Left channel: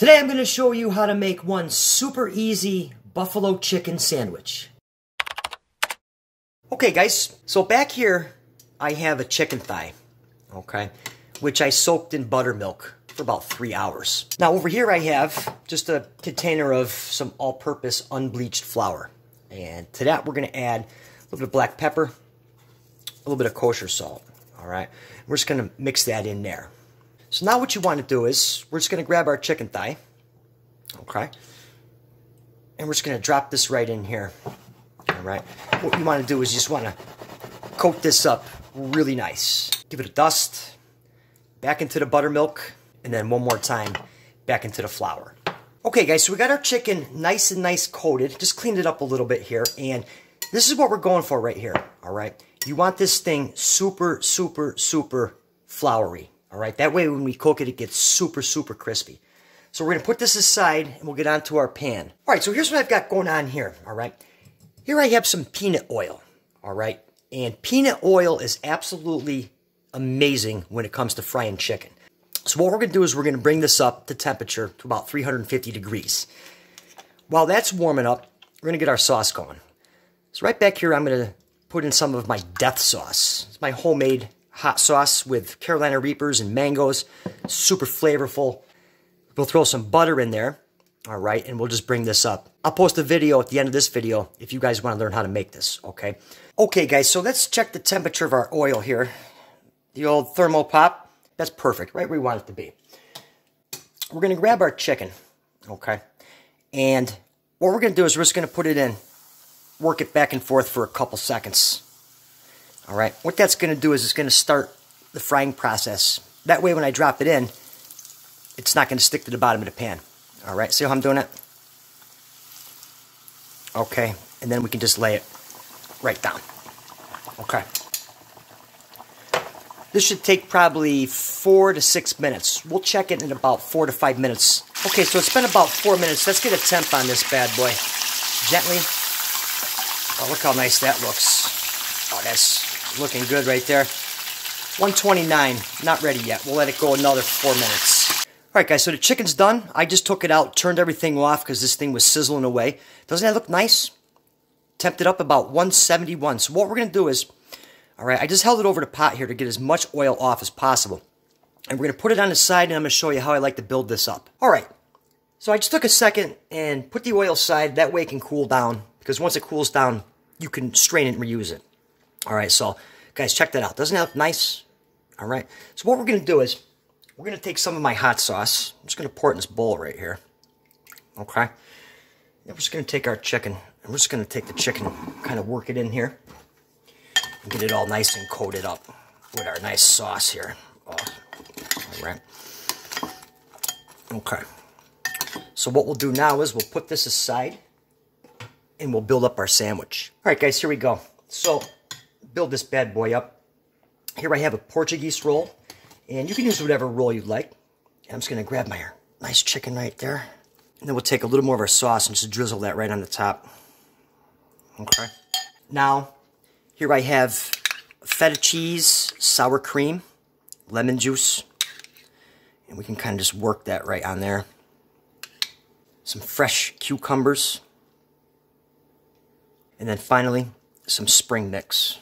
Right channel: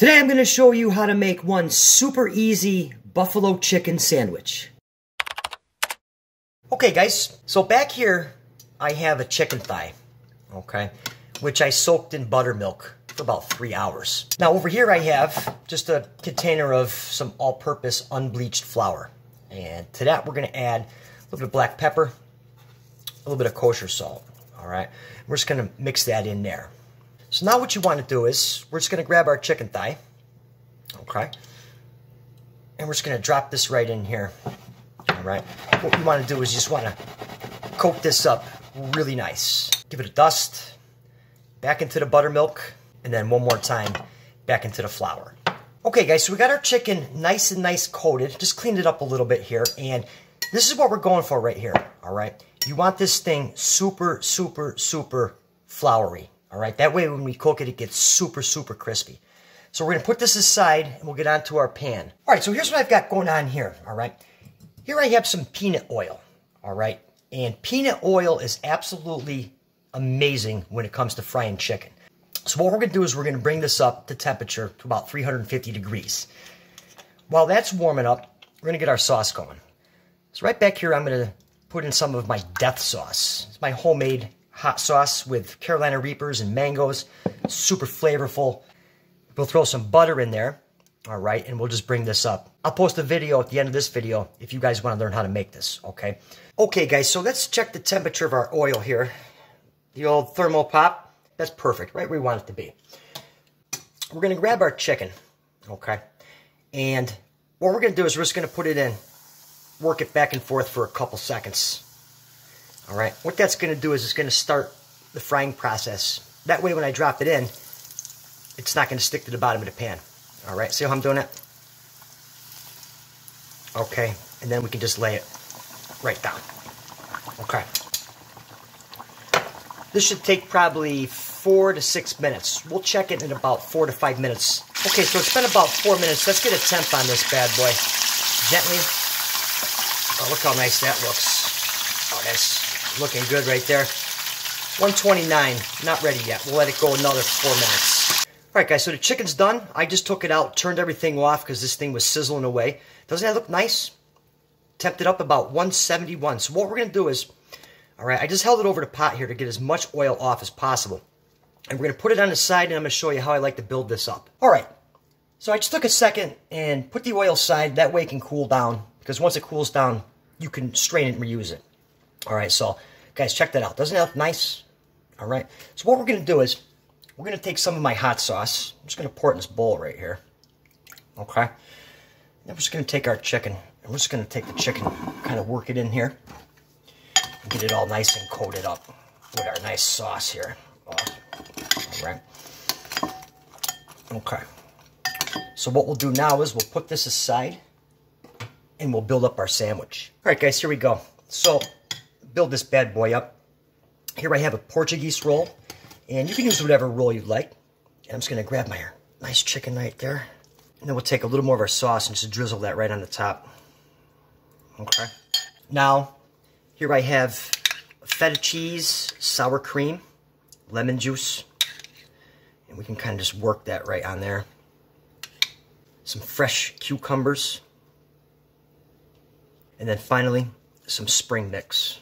Today I'm going to show you how to make one super easy buffalo chicken sandwich. Okay guys, so back here I have a chicken thigh, okay, which I soaked in buttermilk for about 3 hours. Now over here I have just a container of some all-purpose unbleached flour. And to that we're going to add a little bit of black pepper, a little bit of kosher salt, all right? We're just going to mix that in there. So now what you want to do is, we're just going to grab our chicken thigh, okay? And we're just going to drop this right in here, all right? What you want to do is you just want to coat this up really nice. Give it a dust, back into the buttermilk, and then one more time, back into the flour. Okay guys, so we got our chicken nice and nice coated. Just cleaned it up a little bit here, and this is what we're going for right here, all right? You want this thing super, super, super floury. All right, that way when we cook it, it gets super, super crispy. So we're going to put this aside, and we'll get onto our pan. All right, so here's what I've got going on here, all right? Here I have some peanut oil, all right? And peanut oil is absolutely amazing when it comes to frying chicken. So what we're going to do is we're going to bring this up to temperature to about 350 degrees. While that's warming up, we're going to get our sauce going. So right back here, I'm going to put in some of my death sauce. It's my homemade hot sauce with Carolina Reapers and mangoes. Super flavorful. We'll throw some butter in there. All right, and we'll just bring this up. I'll post a video at the end of this video if you guys want to learn how to make this, okay? Okay, guys, so let's check the temperature of our oil here. The old thermal pop. That's perfect, right where we want it to be. We're going to grab our chicken, okay? And what we're going to do is we're just going to put it in, work it back and forth for a couple seconds. All right, what that's going to do is it's going to start the frying process. That way when I drop it in, it's not going to stick to the bottom of the pan. All right, see how I'm doing it? Okay, and then we can just lay it right down. Okay. This should take probably 4 to 6 minutes. We'll check it in about 4 to 5 minutes. Okay, so it's been about 4 minutes. Let's get a temp on this bad boy. Gently. Oh, look how nice that looks. Oh, that's looking good right there. 129, not ready yet. We'll let it go another 4 minutes. All right, guys, so the chicken's done. I just took it out, turned everything off because this thing was sizzling away. Doesn't that look nice? Temped it up about 171. So what we're going to do is, all right, I just held it over the pot here to get as much oil off as possible. And we're going to put it on the side, and I'm going to show you how I like to build this up. All right, so I just took a second and put the oil aside. That way it can cool down, because once it cools down, you can strain it and reuse it. All right, so guys, check that out. Doesn't that look nice? All right, so what we're going to do is we're going to take some of my hot sauce. I'm just going to pour it in this bowl right here. Okay, then we're just going to take our chicken, and we're just going to take the chicken, kind of work it in here, and get it all nice and coated up with our nice sauce here. Oh, all right. Okay, so what we'll do now is we'll put this aside, and we'll build up our sandwich. All right, guys, here we go. So build this bad boy up. Here I have a Portuguese roll, and you can use whatever roll you'd like. And I'm just going to grab my nice chicken right there, and then we'll take a little more of our sauce and just drizzle that right on the top. Okay. Now, here I have feta cheese, sour cream, lemon juice, and we can kind of just work that right on there. Some fresh cucumbers, and then finally, some spring mix.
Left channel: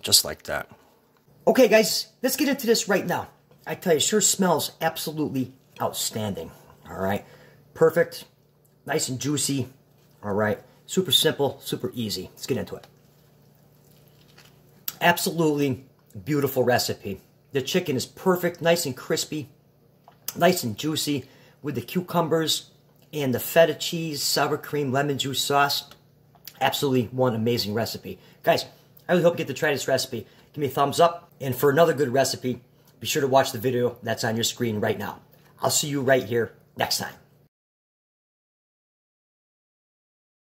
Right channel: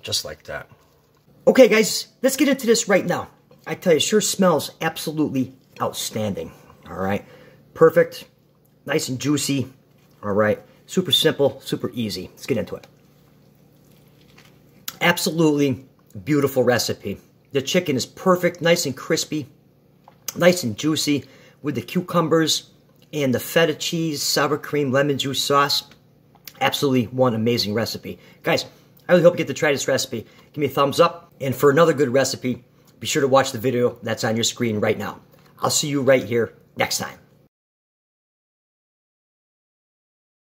Just like that. Okay, guys, let's get into this right now. I tell you, it sure smells absolutely outstanding. All right. Perfect. Nice and juicy. All right. Super simple, super easy. Let's get into it. Absolutely beautiful recipe. The chicken is perfect, nice and crispy, nice and juicy with the cucumbers and the feta cheese, sour cream, lemon juice sauce. Absolutely one amazing recipe. Guys, I really hope you get to try this recipe. Give me a thumbs up. And for another good recipe, be sure to watch the video that's on your screen right now. I'll see you right here next time.